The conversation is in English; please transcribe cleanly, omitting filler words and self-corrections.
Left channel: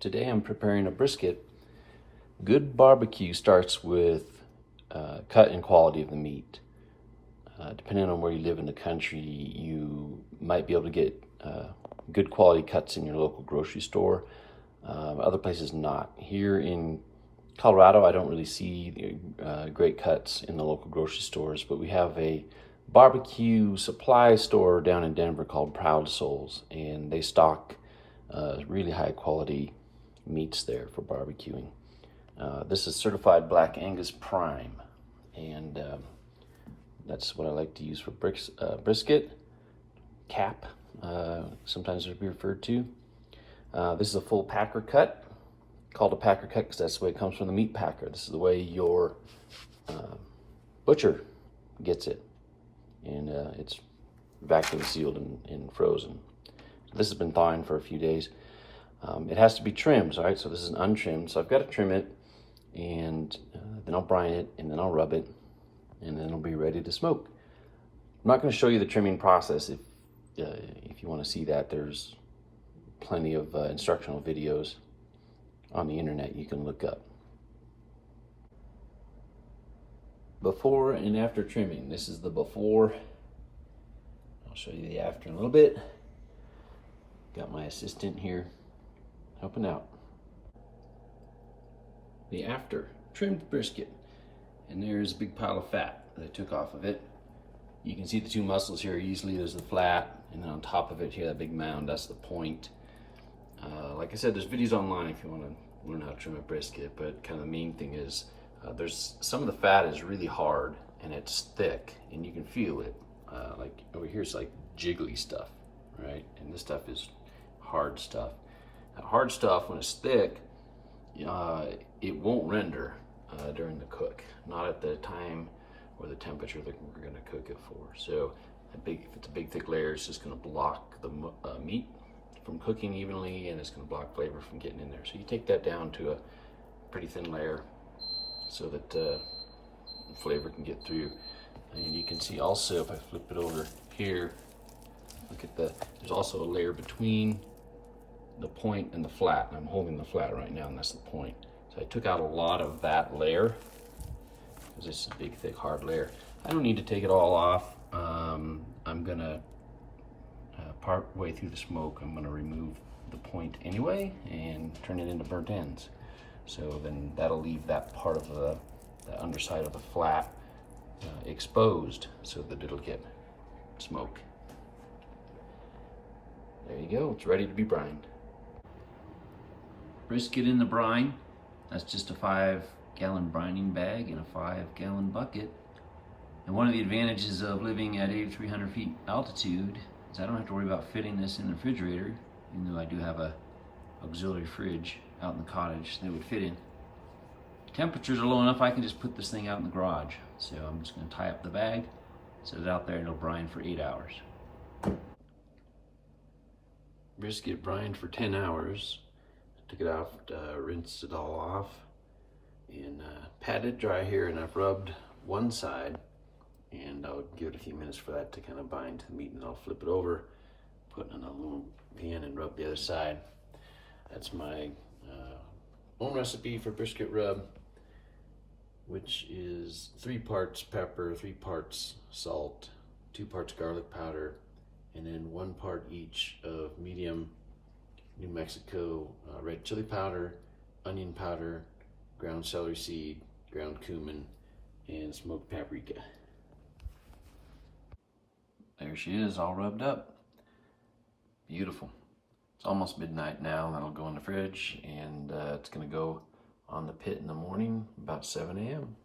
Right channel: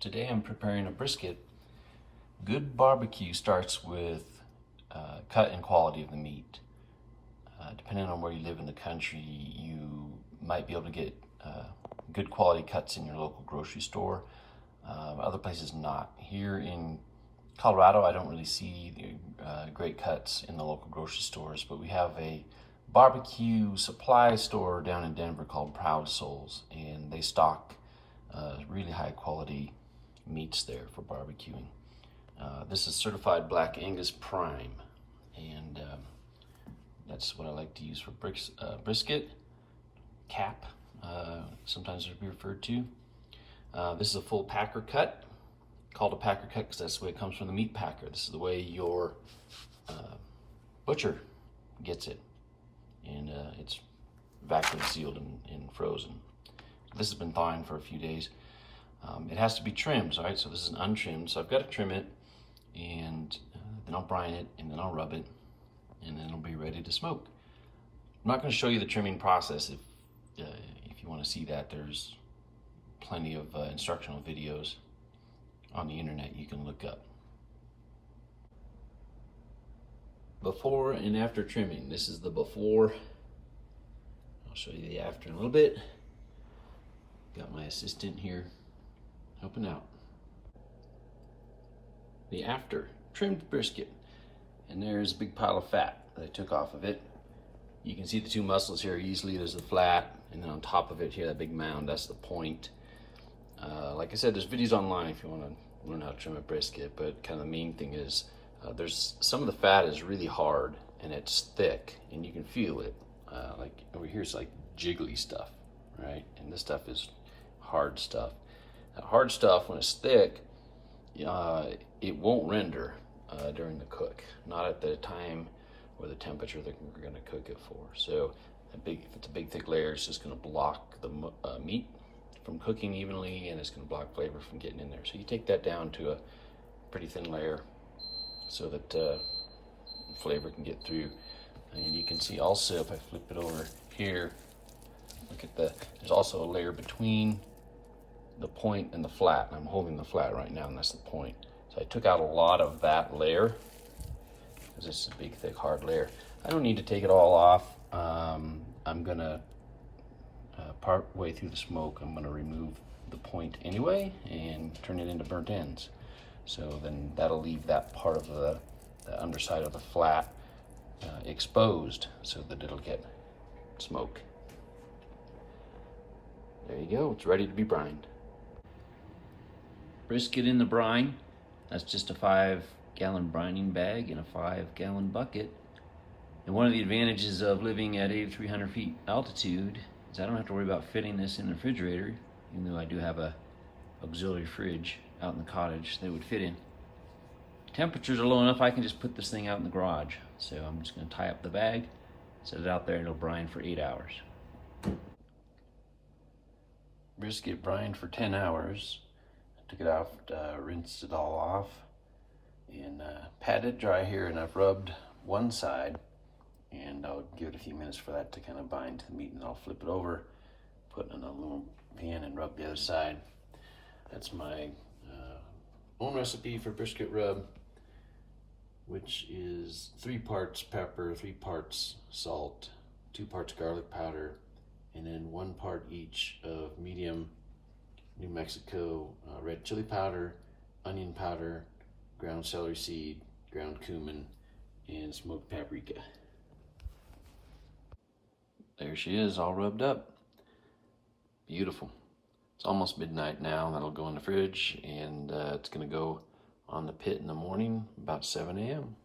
Today I'm preparing a brisket. Good barbecue starts with cut and quality of the meat. Depending on where you live in the country, you might be able to get good quality cuts in your local grocery store. Other places not. Here in Colorado, I don't really see great cuts in the local grocery stores, but we have a barbecue supply store down in Denver called Proud Souls, and they stock really high quality meats there for barbecuing. This is certified Black Angus prime, and that's what I like to use for brisket. Cap, sometimes it'll be referred to. This is a full packer cut, called a packer cut because that's the way it comes from the meat packer. This is the way your butcher gets it, and it's vacuum sealed and frozen. This has been thawing for a few days. It has to be trimmed, all right? So this is an untrimmed, so I've got to trim it, and then I'll brine it, and then I'll rub it, and then it'll be ready to smoke. I'm not going to show you the trimming process. If you want to see that, there's plenty of instructional videos on the internet you can look up. Before and after trimming. This is the before. I'll show you the after in a little bit. Got my assistant here helping out. The after, trimmed brisket, and there's a big pile of fat that I took off of it. You can see the two muscles here easily. There's the flat, and then on top of it here, that big mound, that's the point. Like I said, there's videos online if you want to learn how to trim a brisket, but kind of the main thing is there's some of the fat is really hard and it's thick, and you can feel it. Like over here, it's like jiggly stuff, right? And this stuff is hard stuff. That hard stuff, when it's thick, it won't render during the cook, not at the time or the temperature that we're going to cook it for. So if it's a big thick layer, it's just going to block the meat from cooking evenly, and it's going to block flavor from getting in there. So you take that down to a pretty thin layer so that flavor can get through. And you can see also, if I flip it over here, look at there's also a layer between the point and the flat, and I'm holding the flat right now, and that's the point. So I took out a lot of that layer because this is a big thick hard layer. I don't need to take it all off. I'm gonna part way through the smoke, I'm gonna remove the point anyway and turn it into burnt ends. So then that'll leave that part of the underside of the flat exposed so that it'll get smoked. There you go, it's ready to be brined. Brisket in the brine. That's just a 5-gallon brining bag in a 5-gallon bucket. And one of the advantages of living at 8,300 feet altitude is I don't have to worry about fitting this in the refrigerator, even though I do have a auxiliary fridge out in the cottage that would fit in. Temperatures are low enough I can just put this thing out in the garage. So I'm just going to tie up the bag, set it out there, and it'll brine for 8 hours. Brisket brined for 10 hours. Took it out, rinsed it all off, and patted it dry here, and I've rubbed one side, and I'll give it a few minutes for that to kind of bind to the meat, and then I'll flip it over, put it in a little pan and rub the other side. That's my own recipe for brisket rub, which is 3 parts pepper, 3 parts salt, 2 parts garlic powder, and then 1 part each of medium New Mexico red chili powder, onion powder, ground celery seed, ground cumin, and smoked paprika. There she is, all rubbed up. Beautiful. It's almost midnight now. That'll go in the fridge, and it's going to go on the pit in the morning about 7 a.m.